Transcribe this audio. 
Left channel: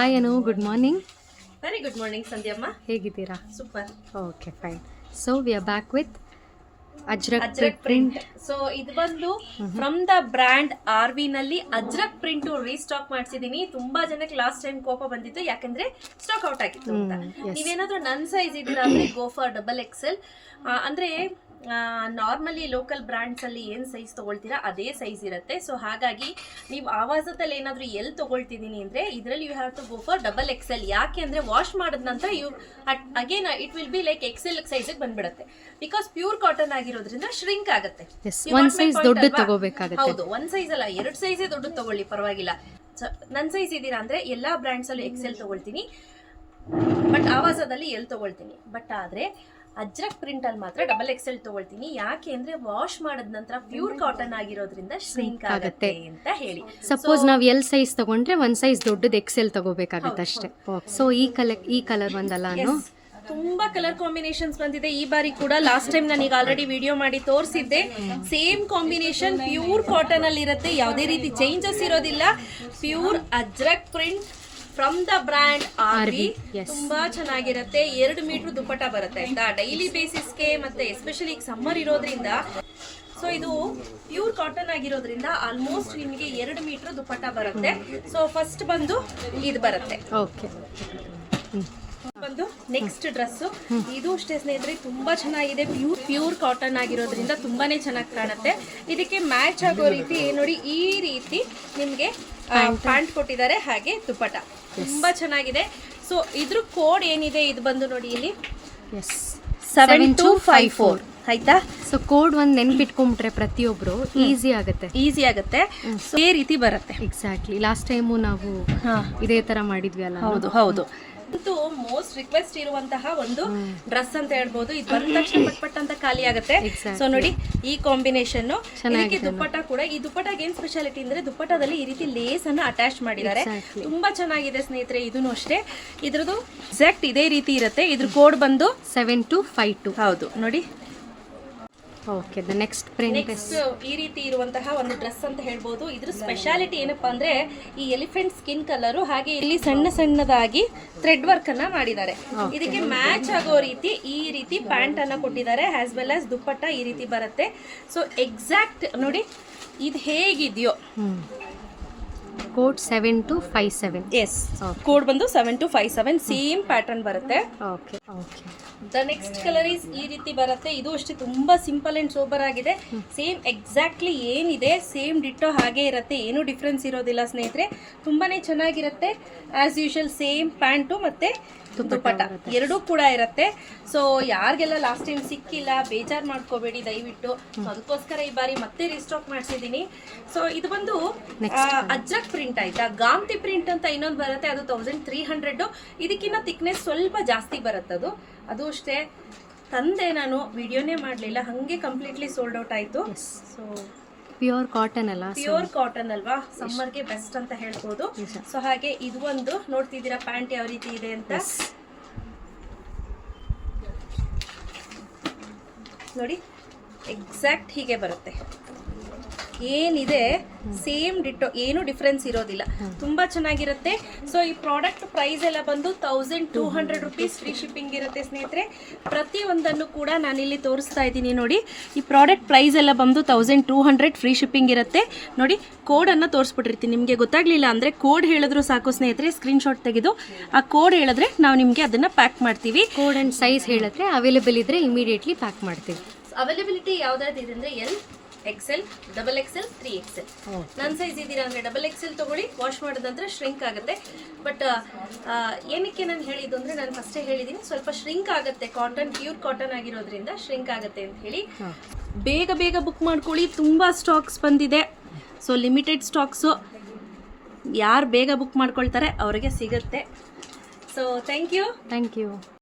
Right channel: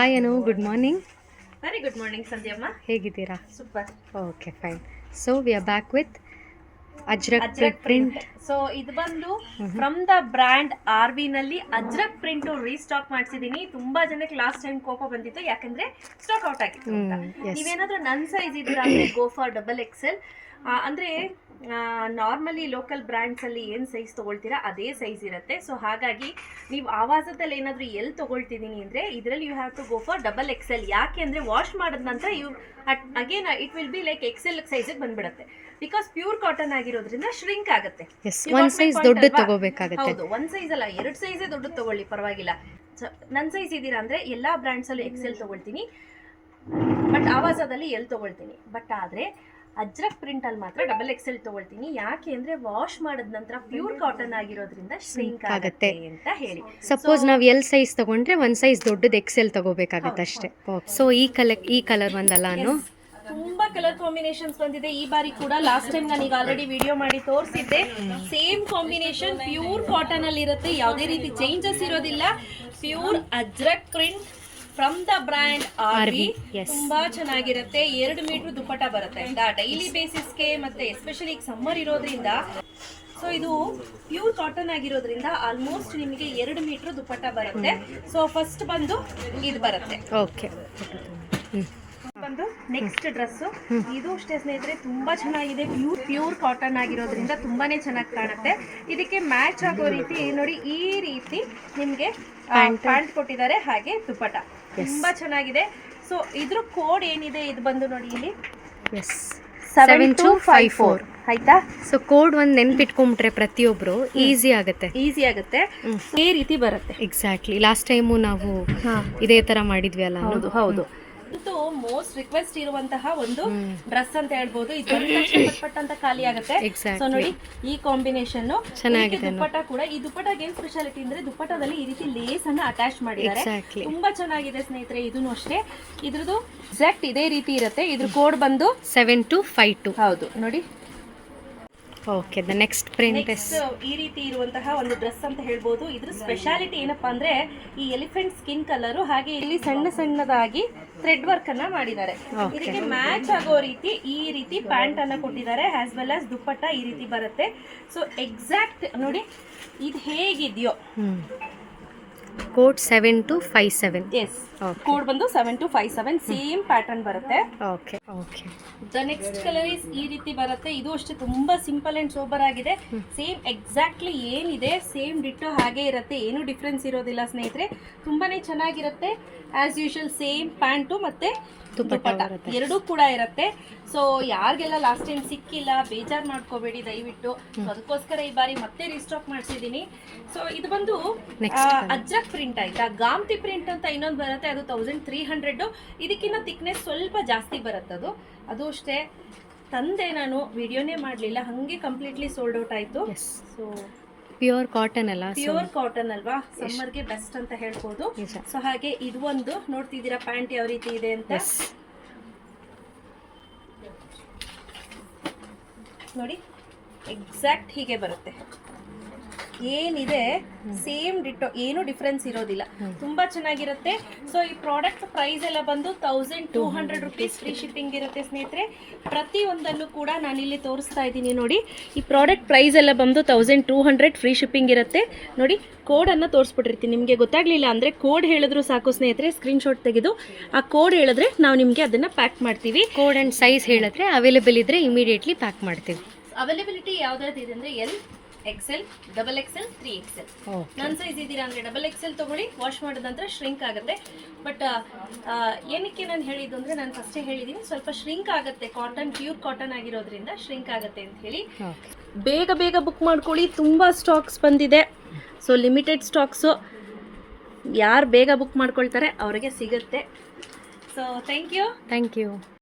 Hi Anu, good morning. Very good morning ಸಂಧ್ಯಮ್ಮ. ಹೇಗಿದ್ದೀರಾ? Super. Okay, fine. So we are back with Ajrak print. So ಇದು ಬಂದು from the brand RV ನಲ್ಲಿ Ajrakh print restock ಮಾಡಿಸಿದೀನಿ. ತುಂಬಾ ಜನಕ್ಕೆ last time ಕೋಪ ಬಂದಿತ್ತು, ಯಾಕಂದ್ರೆ ಸ್ಟಾಕ್ ಔಟ್ ಆಗಿತ್ತು ಅಂತ. ನೀವೇನಾದ್ರೂ ನನ್ನ ಸೈಜ್ ಇದ್ದೀರಾ ಅಂದ್ರೆ ಗೋ ಫಾರ್ XXL. ಅಂದ್ರೆ ನಾರ್ಮಲಿ ಲೋಕಲ್ ಬ್ರ್ಯಾಂಡ್ಸ್ ಅಲ್ಲಿ ಏನು ಸೈಜ್ ತಗೊಳ್ತೀರಾ ಅದೇ ಸೈಜ್ ಇರುತ್ತೆ. ಸೊ ಹಾಗಾಗಿ ನೀವು ಆವಾಸದಲ್ಲಿ ಏನಾದರೂ ಎಲ್ಲಿ ತಗೊಳ್ತಿದ್ದೀನಿ ಅಂದರೆ ಇದರಲ್ಲಿ you have to go for XXL. ಯಾಕೆ ಅಂದರೆ ವಾಶ್ ಮಾಡಿದ ನಂತರ again it will be like XL ಸೈಜಿಗೆ ಬಂದ್ಬಿಡುತ್ತೆ. ಬಿಕಾಸ್ ಪ್ಯೂರ್ ಕಾಟನ್ ಆಗಿರೋದ್ರಿಂದ ಶ್ರಿಂಕ್ ಆಗುತ್ತೆ. ಒಂದು ಸೈಜ್ ದೊಡ್ಡದು ತಗೋಬೇಕಾಗುತ್ತೆ. ಹೌದು, ಒಂದು ಸೈಜ್ ಅಲ್ಲ, 2 ಸೈಜೇ ದೊಡ್ಡದು ತಗೊಳ್ಳಿ, ಪರವಾಗಿಲ್ಲ. ನನ್ನ ಸೈಜ್ ಇದ್ದೀರಾ ಅಂದರೆ ಎಲ್ಲ ಬ್ರ್ಯಾಂಡ್ಸಲ್ಲೂ XL ತಗೊಳ್ತೀನಿ, ಬಟ್ ಆವಾಸದಲ್ಲಿ ಎಲ್ಲಿ ತಗೊಳ್ತೀನಿ. ಬಟ್ ಆದರೆ ಅಜ್ರಕ್ ಪ್ರಿಂಟ್ ಅಲ್ಲಿ ಮಾತ್ರ XXL ತಗೊಳ್ತೀನಿ. ಯಾಕೆ ಅಂದ್ರೆ ವಾಶ್ ಮಾಡಿದ ನಂತರ ಪ್ಯೂರ್ ಕಾಟನ್ ಆಗಿರೋದ್ರಿಂದ ಶ್ರಿಂಕ್ ಆಗುತ್ತೆ ಅಂತ ಹೇಳಿ. ಸಪೋಸ್ ನಾವು ಎಲ್ ಸೈಜ್ ತಗೊಂಡ್ರೆ ಒಂದ್ ಸೈಜ್ ದೊಡ್ಡದು XL ತಗೋಬೇಕಾಗುತ್ತೆ ಅಷ್ಟೇ. ಸೊ ಈ ಕಲರ್ ಒಂದಲ್ಲ ಅನು, ತುಂಬಾ ಕಲರ್ ಕಾಂಬಿನೇಷನ್ಸ್ ಬಂದಿದೆ ಈ ಬಾರಿ ಕೂಡ. ಲಾಸ್ಟ್ ಟೈಮ್ ನಾನು ಈಗ ಆಲ್ರೆಡಿ ವಿಡಿಯೋ ಮಾಡಿ ತೋರಿಸಿದ್ದೆ. ಸೇಮ್ ಕಾಂಬಿನೇಷನ್ ಪ್ಯೂರ್ ಕಾಟನ್ ಅಲ್ಲಿ ಇರುತ್ತೆ, ಯಾವುದೇ ರೀತಿ ಚೇಂಜಸ್ ಇರೋದಿಲ್ಲ. Pure Ajrakh print from the brand RV. ತುಂಬಾ ಚೆನ್ನಾಗಿರುತ್ತೆ. 2 ಮೀಟರ್ ದುಪ್ಪಟ್ಟ ಬರುತ್ತೆ ಅಂತ ಡೈಲಿ ಬೇಸಿಸ್ಗೆ, ಮತ್ತೆ ಎಸ್ಪೆಷಲಿ ಈಗ ಸಮ್ಮರ್ ಇರೋದ್ರಿಂದ. ಸೊ ಇದು ಪ್ಯೂರ್ ಕಾಟನ್ ಆಗಿರೋದ್ರಿಂದ ಆಲ್ಮೋಸ್ಟ್ ನಿಮಗೆ 2 ಮೀಟರ್ ದುಪ್ಪಟ್ಟ ಬರುತ್ತೆ. ಸೊ ಫಸ್ಟ್ ಬಂದು ಇದು ಬರುತ್ತೆ. ಓಕೆ, ಬಂದು ನೆಕ್ಸ್ಟ್ ಡ್ರೆಸ್. ಇದು ಅಷ್ಟೇ ಸ್ನೇಹಿತರೆ, ತುಂಬಾ ಚೆನ್ನಾಗಿದೆ. ಪ್ಯೂರ್ ಕಾಟನ್ ಆಗಿರೋದ್ರಿಂದ ತುಂಬಾನೇ ಚೆನ್ನಾಗಿ ಕಾಣುತ್ತೆ. ಇದಕ್ಕೆ ಮ್ಯಾಚ್ ಆಗೋ ರೀತಿ ನೋಡಿ, ಈ ರೀತಿ ನಿಮ್ಗೆ ಪ್ಯಾಂಟ್ ಕೊಟ್ಟಿದ್ದಾರೆ, ಹಾಗೆ ದುಪ್ಪಟ್ಟ ತುಂಬಾ ಚೆನ್ನಾಗಿದೆ. ಸೊ ಇದ್ರ ಕೋಡ್ ಏನಿದೆ, ಇದು ಬಂದು ನೋಡಿ ಇಲ್ಲಿ 7254 ಆಯ್ತಾ. ಸೊ ಕೋಡ್ ಒಂದು ನೆನ್ಪಿಟ್ಕೊಂಡ್ಬಿಟ್ರೆ ಪ್ರತಿಯೊಬ್ರು ಈಸಿ ಆಗುತ್ತೆ. ಈ ರೀತಿ ಬರುತ್ತೆ. ಎಕ್ಸಾಕ್ಟ್ಲಿ, ಲಾಸ್ಟ್ ಟೈಮು ನಾವು ಇದೇ ತರ ಮಾಡಿದ್ವಿ ಅಲ್ಲ. ಹೌದು. ಇದು ಮೋಸ್ಟ್ ರಿಕ್ವೆಸ್ಟ್ ಇರುವಂತಹ ಒಂದು ಡ್ರೆಸ್ ಅಂತ ಹೇಳ್ಬೋದು. ಇದು ಪಟ್ ಅಂತ ಖಾಲಿ ಆಗುತ್ತೆ. ಸೊ ನೋಡಿ ಈ ಕಾಂಬಿನೇಷನ್ ದುಪ್ಪಟ್ಟ ಕೂಡ. ಈ ದುಪ್ಪಟ್ಟಾಗ ಏನ್ ಸ್ಪೆಷಾಲಿಟಿ ಅಂದ್ರೆ ದುಪ್ಪಟ್ಟದಲ್ಲಿ ಈ ರೀತಿ ಲೇಸ್ ಅನ್ನು ಅಟ್ಯಾಚ್ ಮಾಡಿದ್ದಾರೆ. ತುಂಬಾ ಚೆನ್ನಾಗಿದೆ ಸ್ನೇಹಿತರೆ. ಇದನ್ನು ಅಷ್ಟೇ, ಇದ್ರದ್ದು ಎಕ್ಸಾಕ್ಟ್ ಇದೇ ರೀತಿ ಇರುತ್ತೆ. ಇದ್ರ ಕೋಡ್ ಬಂದು 7252. ಹೌದು ನೋಡಿ. ಓಕೆ, ದ ನೆಕ್ಸ್ಟ್ ಪ್ರಿಂಟ್ ಈ ರೀತಿ ಇರುವಂತಹ ಒಂದು ಡ್ರೆಸ್ ಅಂತ ಹೇಳ್ಬೋದು. ಇದ್ರ ಸ್ಪೆಷಾಲಿಟಿ ಏನಪ್ಪಾ ಅಂದ್ರೆ ಈ ಎಲಿಫೆಂಟ್ ಸ್ಕಿನ್ ಕಲರ್, ಹಾಗೆ ಇಲ್ಲಿ ಸಣ್ಣದಾಗಿ ಥ್ರೆಡ್ ವರ್ಕ್ ಅನ್ನ ಮಾಡಿದ್ದಾರೆ. ಇದಕ್ಕೆ ಮ್ಯಾಚ್ ಆಗೋ ರೀತಿ ಈ ರೀತಿ ಪ್ಯಾಂಟ್ ಅನ್ನ ಕೊಟ್ಟಿದ್ದಾರೆ, ಆಸ್ ವೆಲ್ ಆಸ್ ದುಪ್ಪಟ್ಟ ಈ ರೀತಿ ಬರುತ್ತೆ. ಸೊ ಎಕ್ಸಾಕ್ಟ್ ನೋಡಿ ಇದು ಹೇಗಿದೆಯೋ. ಕೋಡ್ 7257. ಎಸ್, ಕೋಡ್ ಬಂದು 7257. ಸೇಮ್ ಪ್ಯಾಟರ್ನ್ ಬರುತ್ತೆ. Okay. The next colour is ಈ ರೀತಿ ಬರುತ್ತೆ. ಇದು ಅಷ್ಟೇ ತುಂಬಾ ಸಿಂಪಲ್ ಅಂಡ್ ಸೋಬರ್ ಆಗಿದೆ. ಸೇಮ್ ಎಕ್ಸಾಕ್ಟ್ಲಿ ಏನಿದೆ ಸೇಮ್ ಡಿಟ್ಟೋ ಹಾಗೆ ಇರುತ್ತೆ, ಏನು ಡಿಫ್ರೆನ್ಸ್ ಇರೋದಿಲ್ಲ ಸ್ನೇಹಿತರೆ. ತುಂಬಾನೇ ಚೆನ್ನಾಗಿರುತ್ತೆ. ಆಸ್ ಯೂಶುವಲ್ ಸೇಮ್ ಪ್ಯಾಂಟು ಮತ್ತೆ ದುಪ್ಪಟ್ಟ ಎರಡೂ ಕೂಡ ಇರುತ್ತೆ. ಸೊ ಯಾರಿಗೆಲ್ಲ ಲಾಸ್ಟ್ ಟೈಮ್ ಸಿಕ್ಕಿಲ್ಲ ಬೇಜಾರು ಮಾಡ್ಕೋಬೇಡಿ ದಯವಿಟ್ಟು. ಅದಕ್ಕೋಸ್ಕರ ಈ ಬಾರಿ ಮತ್ತೆ ರೀಸ್ಟಾಕ್ ಮಾಡಿಸಿದ್ದೀನಿ. ಸೊ ಇದು ಬಂದು ಅಜ್ರಕ್ ಪ್ರಿಂಟ್ ಆಯ್ತಾ. ಗಾಮ್ತಿ ಪ್ರಿಂಟ್ ಅಂತ ಇನ್ನೊಂದು ಬರುತ್ತೆ, ಅದು 1300. ಇದಕ್ಕಿಂತ ಥಿಕ್ನೆಸ್ ಸ್ವಲ್ಪ ಜಾಸ್ತಿ ಬರುತ್ತೆ. ಅದು ಅಷ್ಟೇ ತಂದೆ, ನಾನು ವಿಡಿಯೋನೇ ಮಾಡಲಿಲ್ಲ, ಹಾಗೆ ಕಂಪ್ಲೀಟ್ಲಿ ಸೋಲ್ಡ್ ಔಟ್ ಆಯಿತು. ಸೊ ಪ್ಯೂರ್ ಕಾಟನ್ ಅಲ್ಲ, ಪ್ಯೂರ್ ಕಾಟನ್ ಅಲ್ವಾ, ಸಮ್ಮರ್ಗೆ ಬೆಸ್ಟ್ ಅಂತ ಹೇಳ್ಬೋದು. ಸೊ ಹಾಗೆ ಇದು ಒಂದು ನೋಡ್ತಿದ್ದೀರಾ ಪ್ಯಾಂಟ್ ಯಾವ ರೀತಿ ಇದೆ ಅಂತ ನೋಡಿ. ಎಕ್ಸಾಕ್ಟ್ ಹೀಗೆ ಬರುತ್ತೆ. ಏನಿದೆ ಸೇಮ್ ಡಿಟ್ಟೋ, ಏನು ಡಿಫ್ರೆನ್ಸ್ ಇರೋದಿಲ್ಲ. ತುಂಬಾ ಚೆನ್ನಾಗಿರುತ್ತೆ. ಸೊ ಈ ಪ್ರಾಡಕ್ಟ್ ಪ್ರೈಸ್ ಎಲ್ಲ ಬಂದು 1200 rupees ಫ್ರೀ ಶಿಪ್ಪಿಂಗ್ ಇರುತ್ತೆ ಸ್ನೇಹಿತರೆ. ಪ್ರತಿಯೊಂದನ್ನು ಕೂಡ ನಾನಿಲ್ಲಿ ತೋರಿಸ್ತಾ ಇದ್ದೀನಿ ನೋಡಿ. ಈ ಪ್ರಾಡಕ್ಟ್ ಪ್ರೈಸ್ ಎಲ್ಲ ಬಂದು 1200 ಫ್ರೀ ಶಿಪ್ಪಿಂಗ್ ಇರುತ್ತೆ. ನೋಡಿ ಕೋಡನ್ನು ತೋರಿಸ್ಬಿಟ್ಟಿರ್ತೀನಿ. ನಿಮಗೆ ಗೊತ್ತಾಗಲಿಲ್ಲ ಅಂದರೆ ಕೋಡ್ ಹೇಳಿದ್ರು ಸಾಕು ಸ್ನೇಹಿತರೆ, ಸ್ಕ್ರೀನ್ಶಾಟ್ ತೆಗೆದು ಆ ಕೋಡ್ ಹೇಳಿದ್ರೆ ನಾವು ನಿಮಗೆ ಅದನ್ನು ಪ್ಯಾಕ್ ಮಾಡ್ತೀವಿ. ಕೋಡ್ ಆ್ಯಂಡ್ ಸೈಜ್ ಹೇಳಿದ್ರೆ ಅವೈಲೇಬಲ್ ಇದ್ದರೆ ಇಮಿಡಿಯೇಟ್ಲಿ ಪ್ಯಾಕ್ ಮಾಡ್ತೀವಿ. ಅವೈಲಬಿಲಿಟಿ ಯಾವುದಾದ್ರು ಇದೆ ಅಂದರೆ L, XL, XXL, 3XL. ನನ್ನ ಸೈಜ್ ಇದ್ದೀರಾ ಅಂದರೆ XXL ತಗೊಳ್ಳಿ. ವಾಶ್ ಮಾಡಿದ ನಂತರ ಶ್ರಿಂಕ್ ಆಗುತ್ತೆ. ಬಟ್ ಏನಕ್ಕೆ ನಾನು ಹೇಳಿದ್ದು ಅಂದರೆ, ನಾನು ಫಸ್ಟೇ ಹೇಳಿದ್ದೀನಿ, ಸ್ವಲ್ಪ ಶ್ರಿಂಕ್ ಆಗುತ್ತೆ. ಕಾಟನ್ ಪ್ಯೂರ್ ಕಾಟನ್ ಆಗಿರೋದ್ರಿಂದ ಶ್ರಿಂಕ್ ಆಗುತ್ತೆ ಅಂತ ಹೇಳಿ. ಬೇಗ ಬುಕ್ ಮಾಡ್ಕೊಳ್ಳಿ. ತುಂಬ ಸ್ಟಾಕ್ಸ್ ಬಂದಿದೆ. So limited stocks. ಯಾರು ಬೇಗ ಬುಕ್ ಮಾಡ್ಕೊಳ್ತಾರೆ ಅವರಿಗೆ ಸಿಗುತ್ತೆ. So thank you.